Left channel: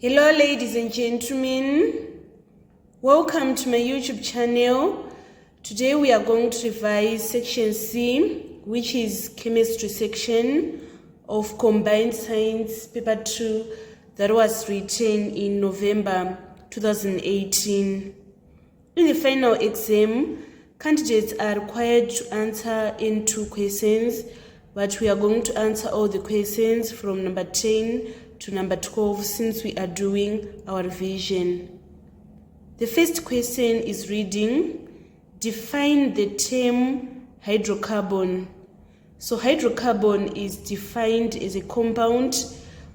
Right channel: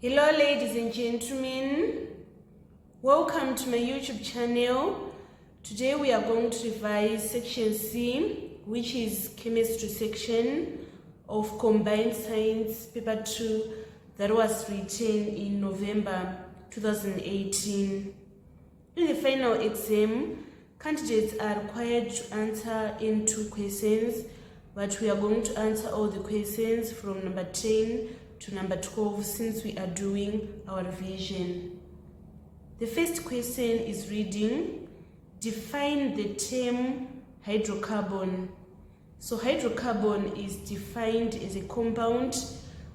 Hello ladies and gentlemen, welcome to my YouTube channel. Today we are going to revise section C, which is chemistry section of combined science paper 2 that was written in November 2018. In the final exam, candidates are required to answer in 2 questions, but we are going to answer all the questions from number 10 to number 12 since we are doing our revision. The first question is reading, define the term hydrocarbon. So hydrocarbon is defined as a compound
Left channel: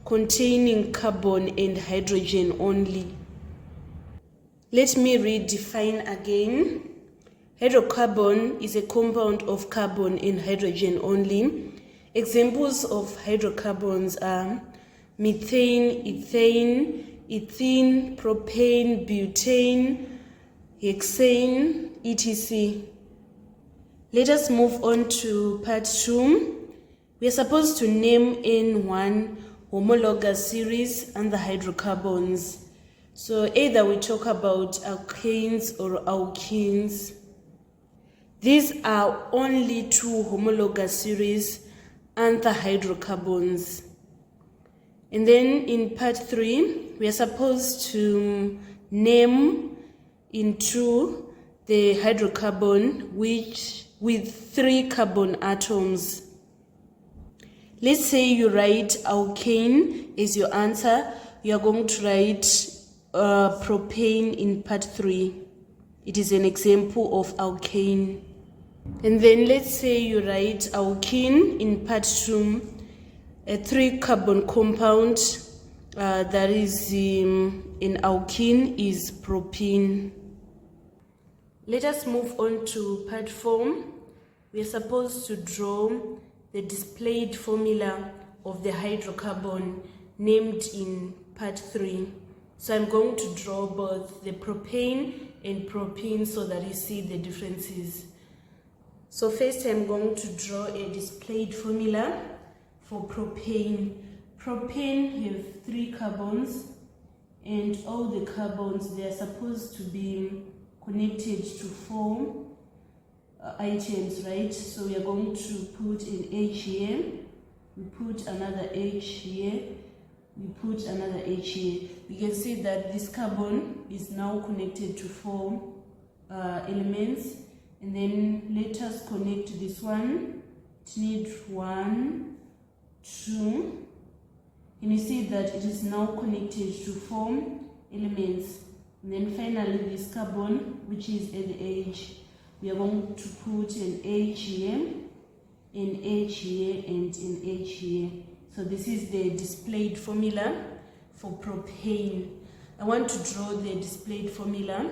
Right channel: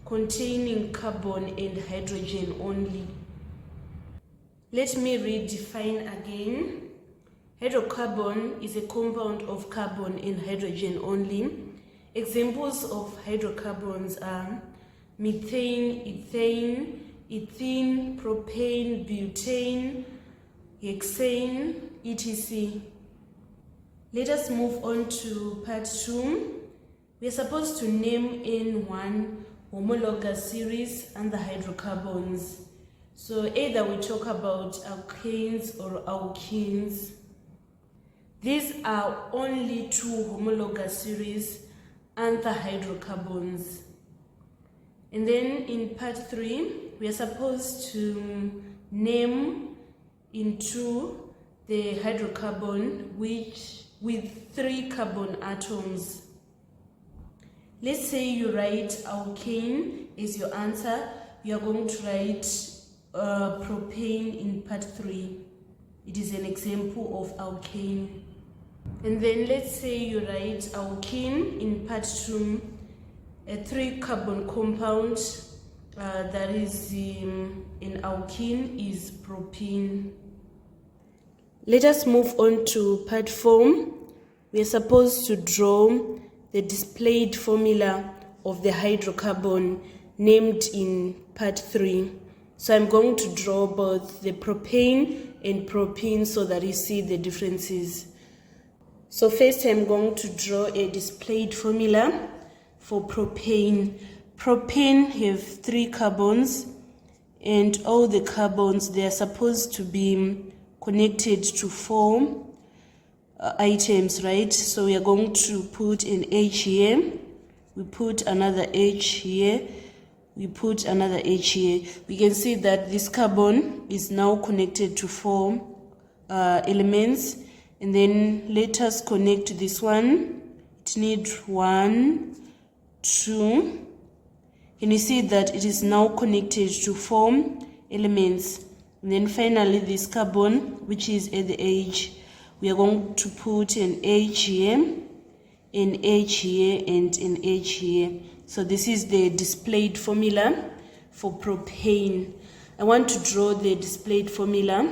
containing carbon and hydrogen only. Let me read define again. Hydrocarbon is a compound of carbon and hydrogen only. Examples of hydrocarbons are methane, ethene, propane, butane, hexane, etc. Let us move on to part 2. We are supposed to name in one homologous series and the hydrocarbons. So either we talk about alkanes or alkenes. These are only 2 homologous series and the hydrocarbons. And then in part 3, we are supposed to name in 2 the hydrocarbon with 3 carbon atoms. Let's say you write alkane as your answer. You are going to write propane in part 3. It is an example of alkane. And then let's say you write alkene in part 2. A 3 carbon compound that is in alkene is propene. Let us move on to part 4. We are supposed to draw the displayed formula of the hydrocarbon named in part 3. So I'm going to draw both the propane and propene so that you see the differences. So first I'm going to draw a displayed formula for propane. Propane have 3 carbons, and all the carbons, they are supposed to be connected to 4 items, right? So we are going to put an H here, we put another H here, we put another H here. We can see that this carbon is now connected to 4 elements, and then let us connect this one. It needs 1, 2, and you see that it is now connected to 4 elements. And then finally this carbon, which is at the edge, we are going to put an H here, an H here, and an H here. So this is the displayed formula for propane. I want to draw the displayed formula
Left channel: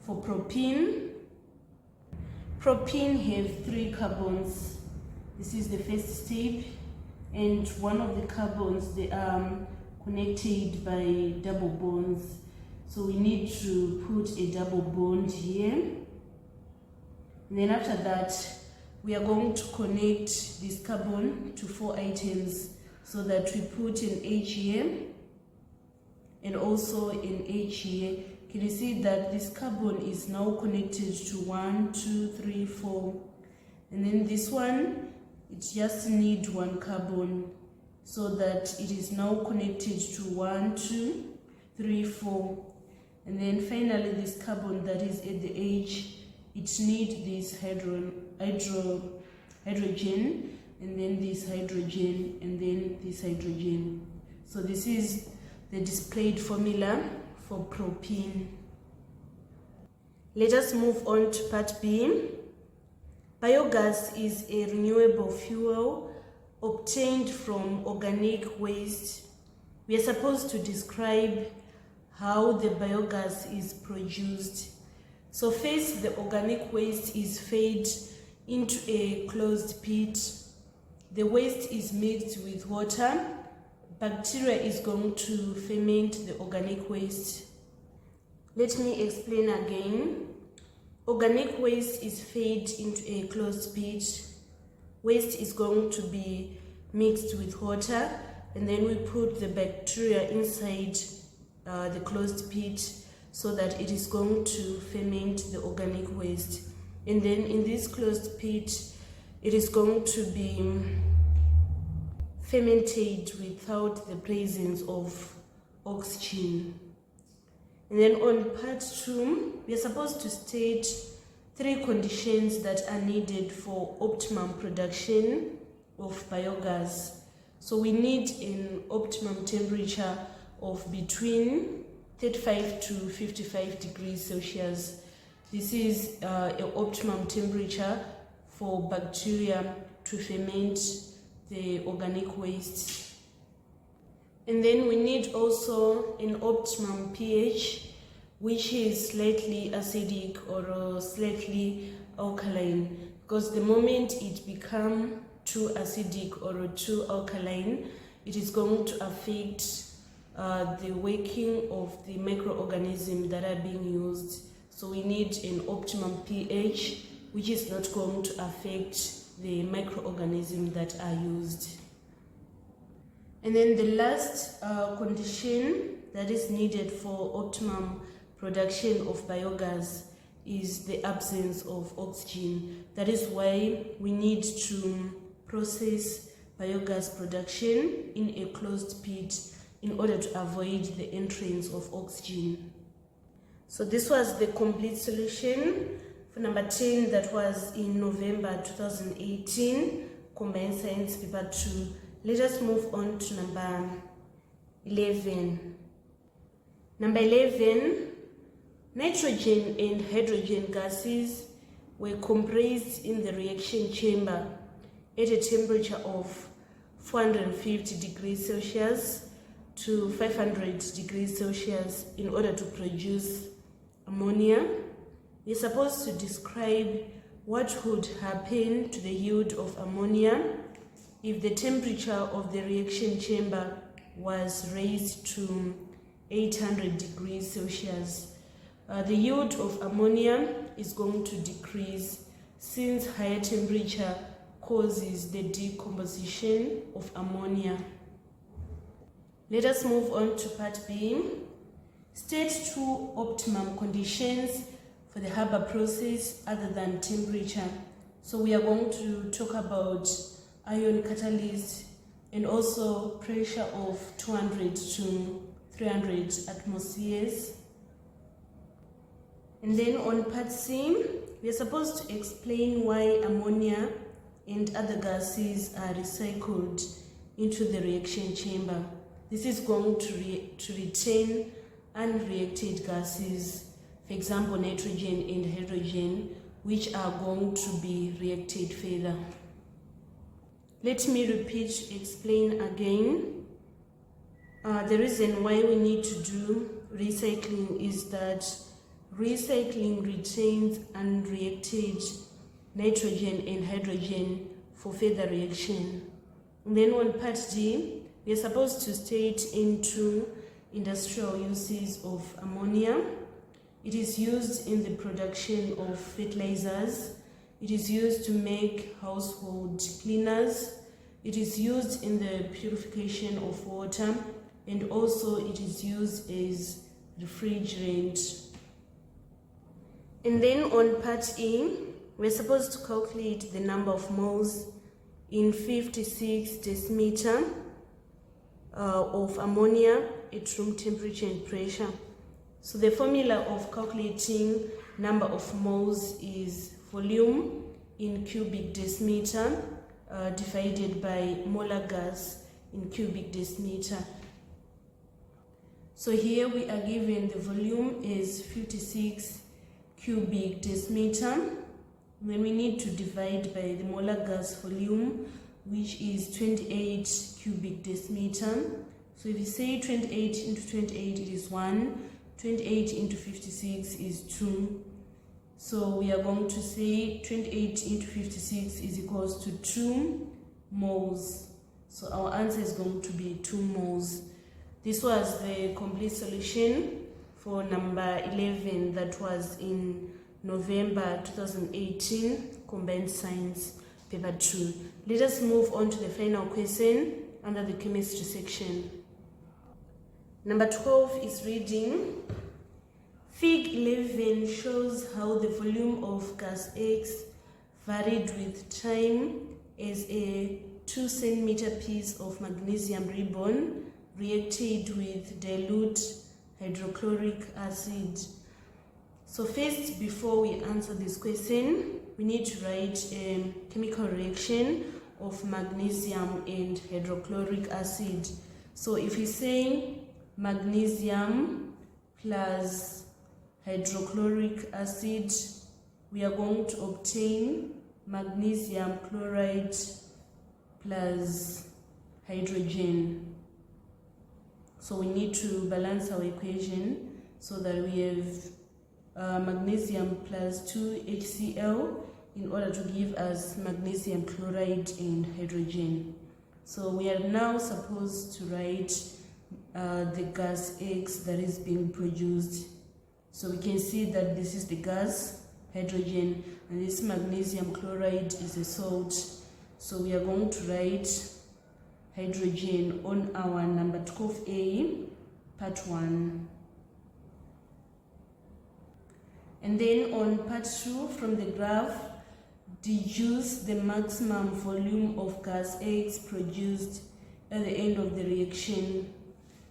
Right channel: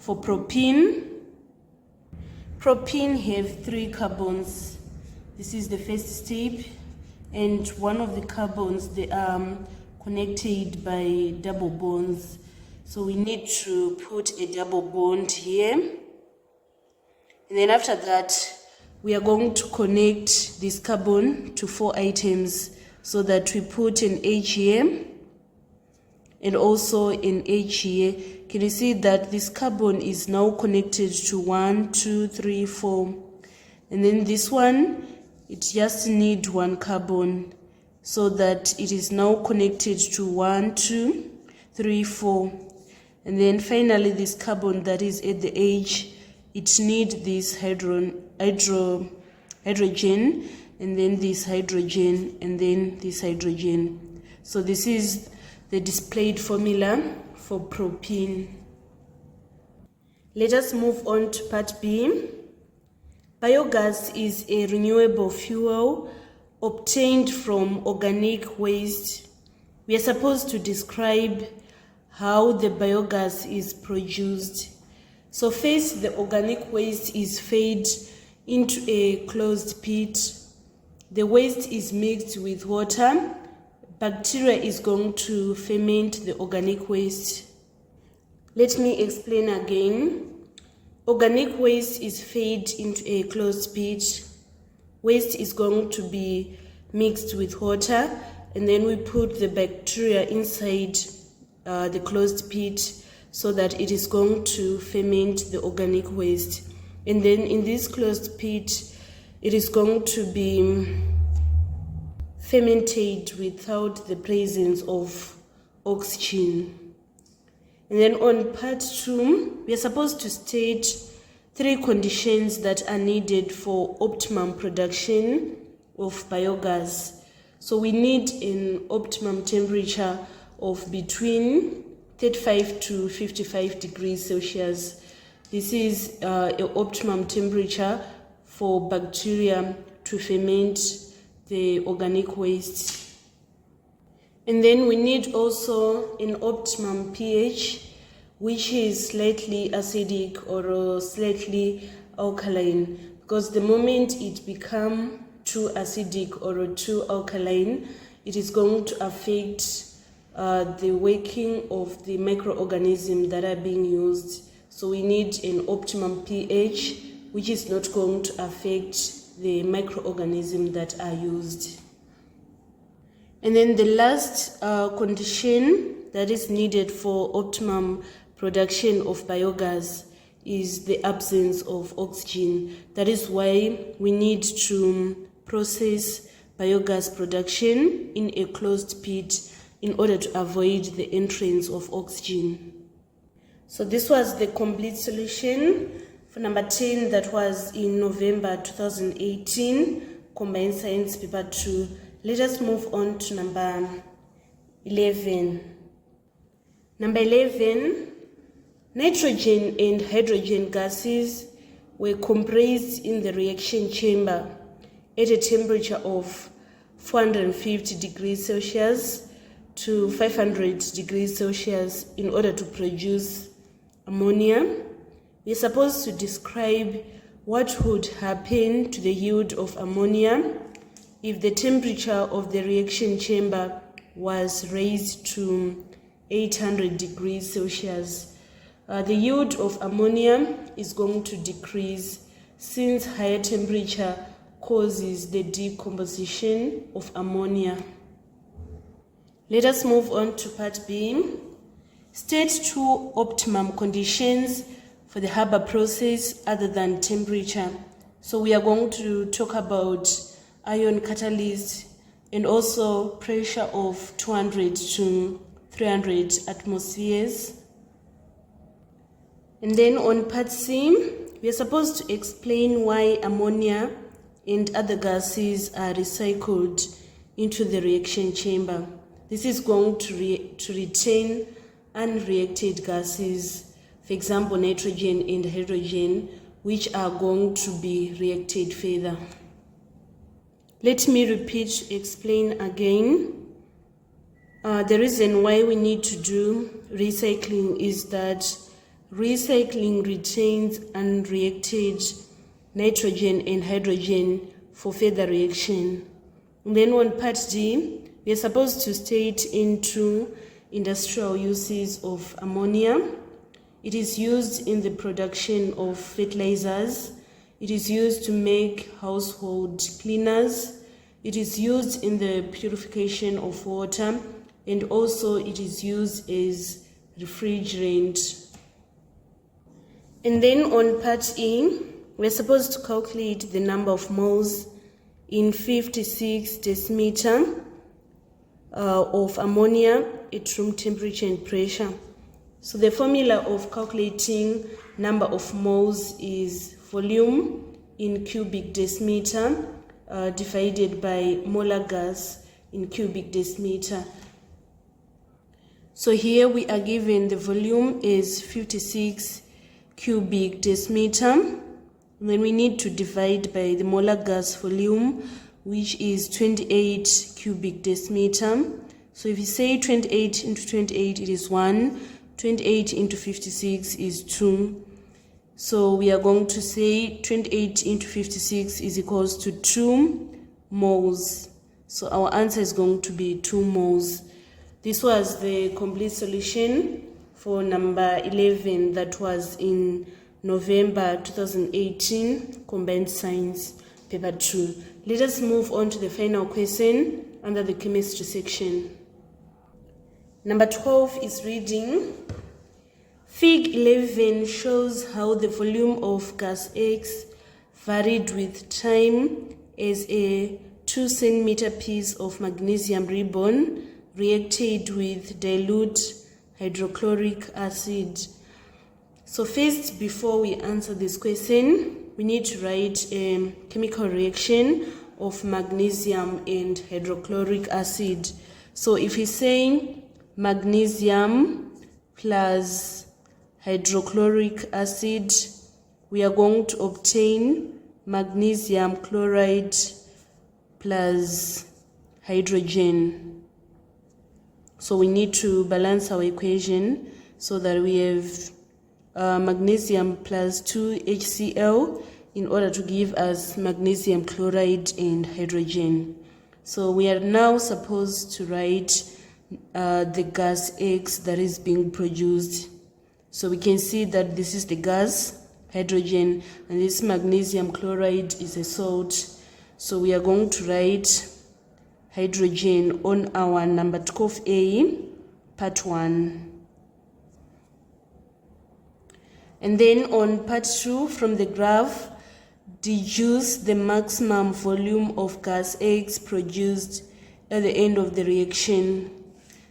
for propene. Propene have 3 carbons. This is the first step. And one of the carbons, they are connected by double bonds. So we need to put a double bond here. And then after that, we are going to connect this carbon to 4 items so that we put an H here and also an H here. Can you see that this carbon is now connected to 1, 2, 3, 4. And then this one, it just needs 1 carbon, so that it is now connected to 1, 2, 3, 4. And then finally this carbon that is at the edge, it needs this hydrogen, and then this hydrogen, and then this hydrogen. So this is the displayed formula for propene. Let us move on to part B. Biogas is a renewable fuel obtained from organic waste. We are supposed to describe how the biogas is produced. So first, the organic waste is fed into a closed pit. The waste is mixed with water. Bacteria is going to ferment the organic waste. Let me explain again. Organic waste is fed into a closed pit. Waste is going to be mixed with water, and then we put the bacteria inside the closed pit, so that it is going to ferment the organic waste. And then in this closed pit, it is going to be fermented without the presence of oxygen. And then on part 2, we are supposed to state 3 conditions that are needed for optimum production of biogas. So we need an optimum temperature of between 35 to 55 degrees Celsius. This is an optimum temperature for bacteria to ferment the organic waste. And then we need also an optimum pH, which is slightly acidic or slightly alkaline, because the moment it becomes too acidic or too alkaline, it is going to affect the working of the microorganisms that are being used. So we need an optimum pH, which is not going to affect the microorganisms that are used. And then the last condition that is needed for optimum production of biogas is the absence of oxygen. That is why we need to process biogas production in a closed pit in order to avoid the entrance of oxygen. So this was the complete solution for number 10, that was in November 2018, Combined Science Paper 2. Let us move on to number 11. Number 11, nitrogen and hydrogen gases were compressed in the reaction chamber at a temperature of 450 degrees Celsius to 500 degrees Celsius in order to produce ammonia. We are supposed to describe what would happen to the yield of ammonia if the temperature of the reaction chamber was raised to 800 degrees Celsius. The yield of ammonia is going to decrease since higher temperature causes the decomposition of ammonia. Let us move on to part B. State 2 optimum conditions for the Haber process other than temperature. So we are going to talk about ion catalyst and also pressure of 200 to 300 atmospheres. And then on part C, we are supposed to explain why ammonia and other gases are recycled into the reaction chamber. This is going to retain unreacted gases, for example, nitrogen and hydrogen, which are going to be reacted further. Let me explain again. The reason why we need to do recycling is that recycling retains unreacted nitrogen and hydrogen for further reaction. And then on part D, we are supposed to state into industrial uses of ammonia. It is used in the production of fertilizers. It is used to make household cleaners. It is used in the purification of water, and also it is used as refrigerant. And then on part E, we're supposed to calculate the number of moles in 56 decimeter of ammonia at room temperature and pressure. So the formula of calculating number of moles is volume in cubic decimeter divided by molar gas in cubic decimeter. So here we are given the volume is 56 cubic decimeter, and then we need to divide by the molar gas volume, which is 28 cubic decimeter. So if you say 28 into 28, it is 1. 28 into 56 is 2. So we are going to say 28 into 56 is equals to 2 moles. So our answer is going to be 2 moles. This was the complete solution for number 11, that was in November 2018, Combined Science Paper 2. Let us move on to the final question under the chemistry section. Number 12 is reading. Fig 11 shows how the volume of gas X varied with time as a 2 centimeter piece of magnesium ribbon reacted with dilute hydrochloric acid. So first, before we answer this question, we need to write a chemical reaction of magnesium and hydrochloric acid. So if we say magnesium plus hydrochloric acid, we are going to obtain magnesium chloride plus hydrogen. So we need to balance our equation so that we have magnesium plus 2HCl in order to give us magnesium chloride and hydrogen. So we are now supposed to write the gas X that is being produced. So we can see that this is the gas, hydrogen, and this magnesium chloride is a salt. So we are going to write hydrogen on our number 12A, part 1. And then on part 2, from the graph, deduce the maximum volume of gas X produced at the end of the reaction.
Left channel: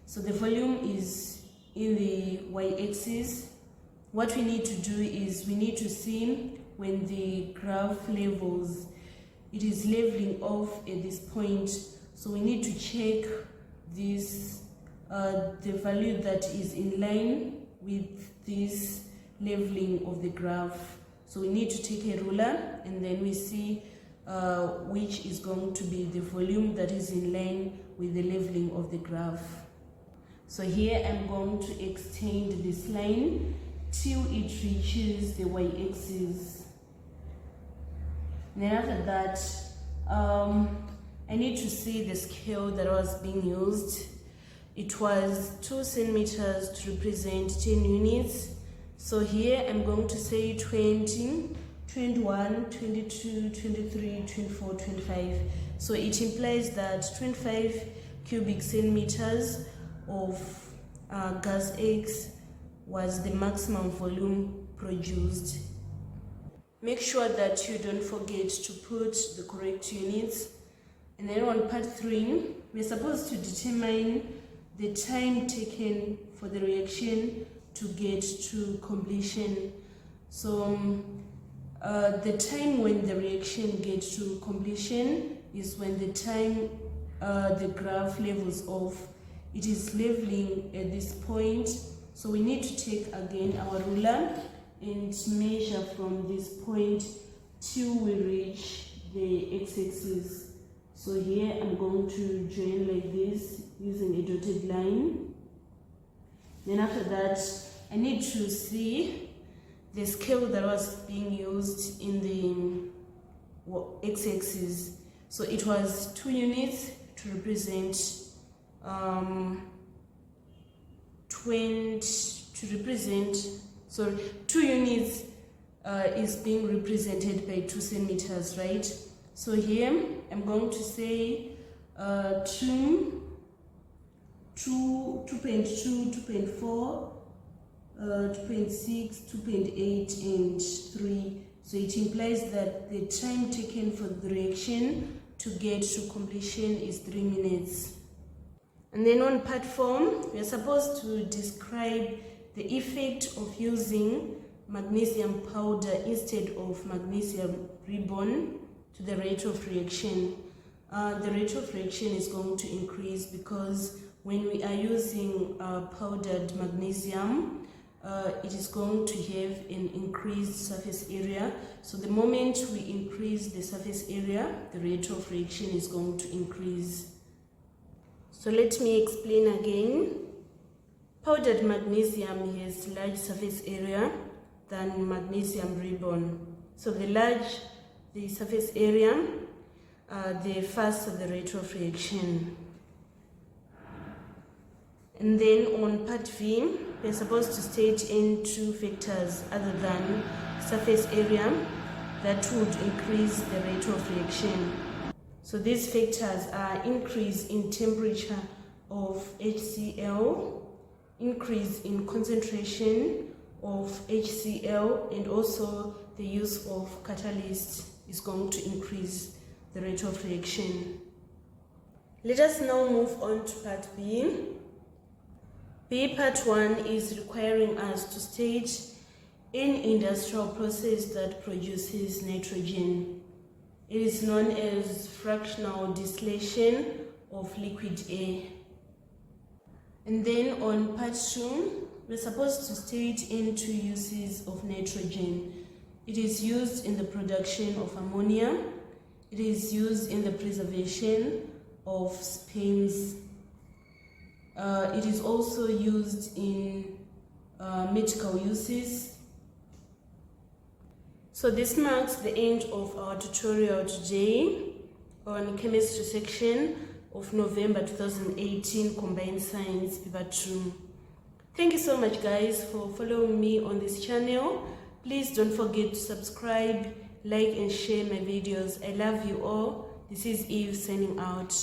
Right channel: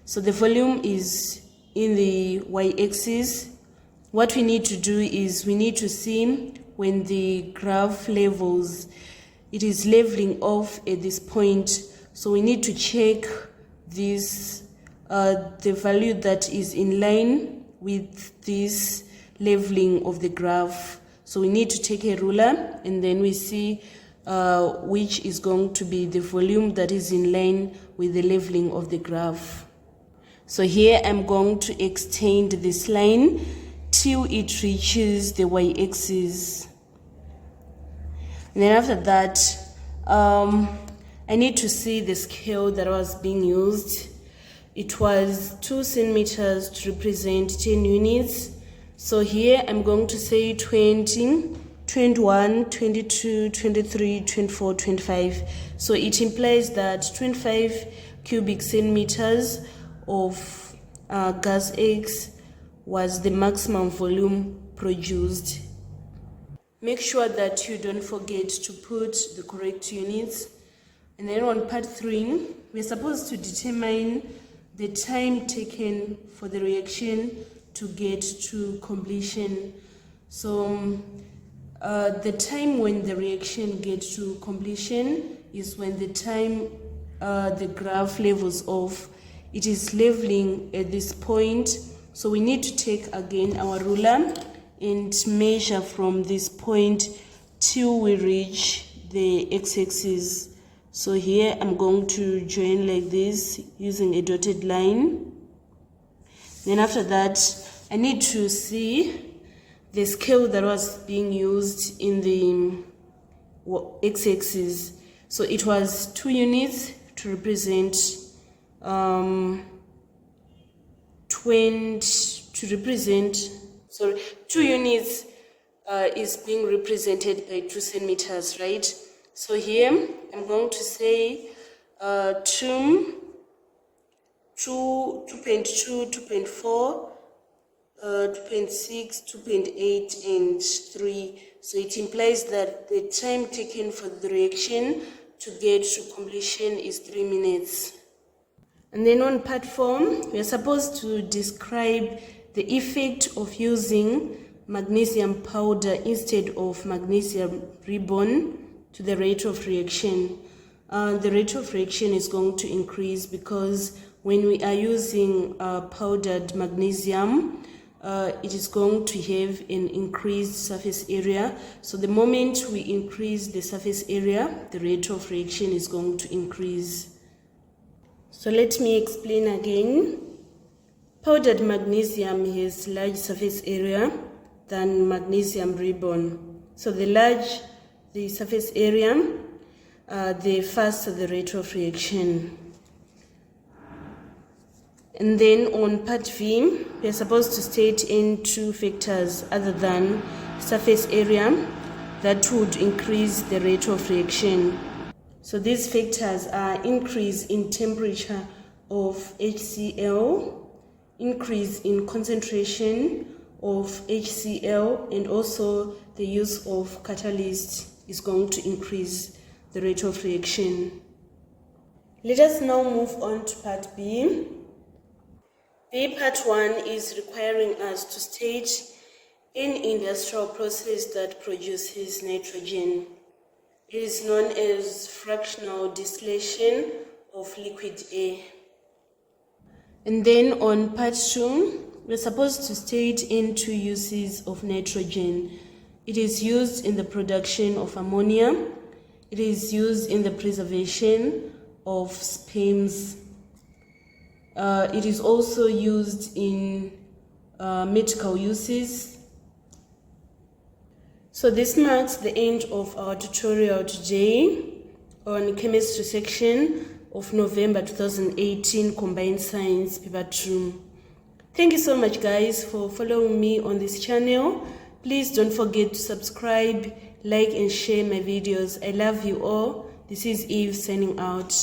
So the volume is in the y-axis. What we need to do is we need to see when the graph levels, it is leveling off at this point. So we need to check this, the value that is in line with this leveling of the graph. So we need to take a ruler and then we see which is going to be the volume that is in line with the leveling of the graph. So here I'm going to extend this line till it reaches the y-axis. And then after that, I need to see the scale that was being used. It was 2 centimeters to represent 10 units. So here I'm going to say 20, 21, 22, 23, 24, 25. So it implies that 25 cubic centimeters of gas X was the maximum volume produced. Make sure that you don't forget to put the correct units. And then on part 3, we're supposed to determine the time taken for the reaction to get to completion. So the time when the reaction gets to completion is when the time the graph levels off. It is leveling at this point. So we need to take again our ruler and measure from this point till we reach the x-axis. So here I'm going to join like this using a dotted line. Then after that, I need to see the scale that was being used in the x-axis. So it was 2 units to represent 2 units is being represented by 2 centimeters, right? So here I'm going to say 2.2, 2.4, 2.6, 2.8, and 3. So it implies that the time taken for the reaction to get to completion is 3 minutes. And then on part 4, we are supposed to describe the effect of using magnesium powder instead of magnesium ribbon to the rate of reaction. The rate of reaction is going to increase because when we are using powdered magnesium, it is going to have an increased surface area. So the moment we increase the surface area, the rate of reaction is going to increase. So let me explain again. Powdered magnesium has large surface area than magnesium ribbon. So the large the surface area, the faster the rate of reaction. And then on part V, we are supposed to state in 2 factors other than surface area that would increase the rate of reaction. So these factors are increase in temperature of HCl, increase in concentration of HCl, and also the use of catalyst is going to increase the rate of reaction. Let us now move on to part B. Part 1 is requiring us to state an industrial process that produces nitrogen. It is known as fractional distillation of liquid air. And then on part 2, we're supposed to state in 2 uses of nitrogen. It is used in the production of ammonia. It is used in the preservation of sperms. It is also used in medical uses. So this marks the end of our tutorial today on chemistry section of November 2018 Combined Science Paper 2. Thank you so much guys for following me on this channel. Please don't forget to subscribe, like and share my videos. I love you all. This is Eve signing out.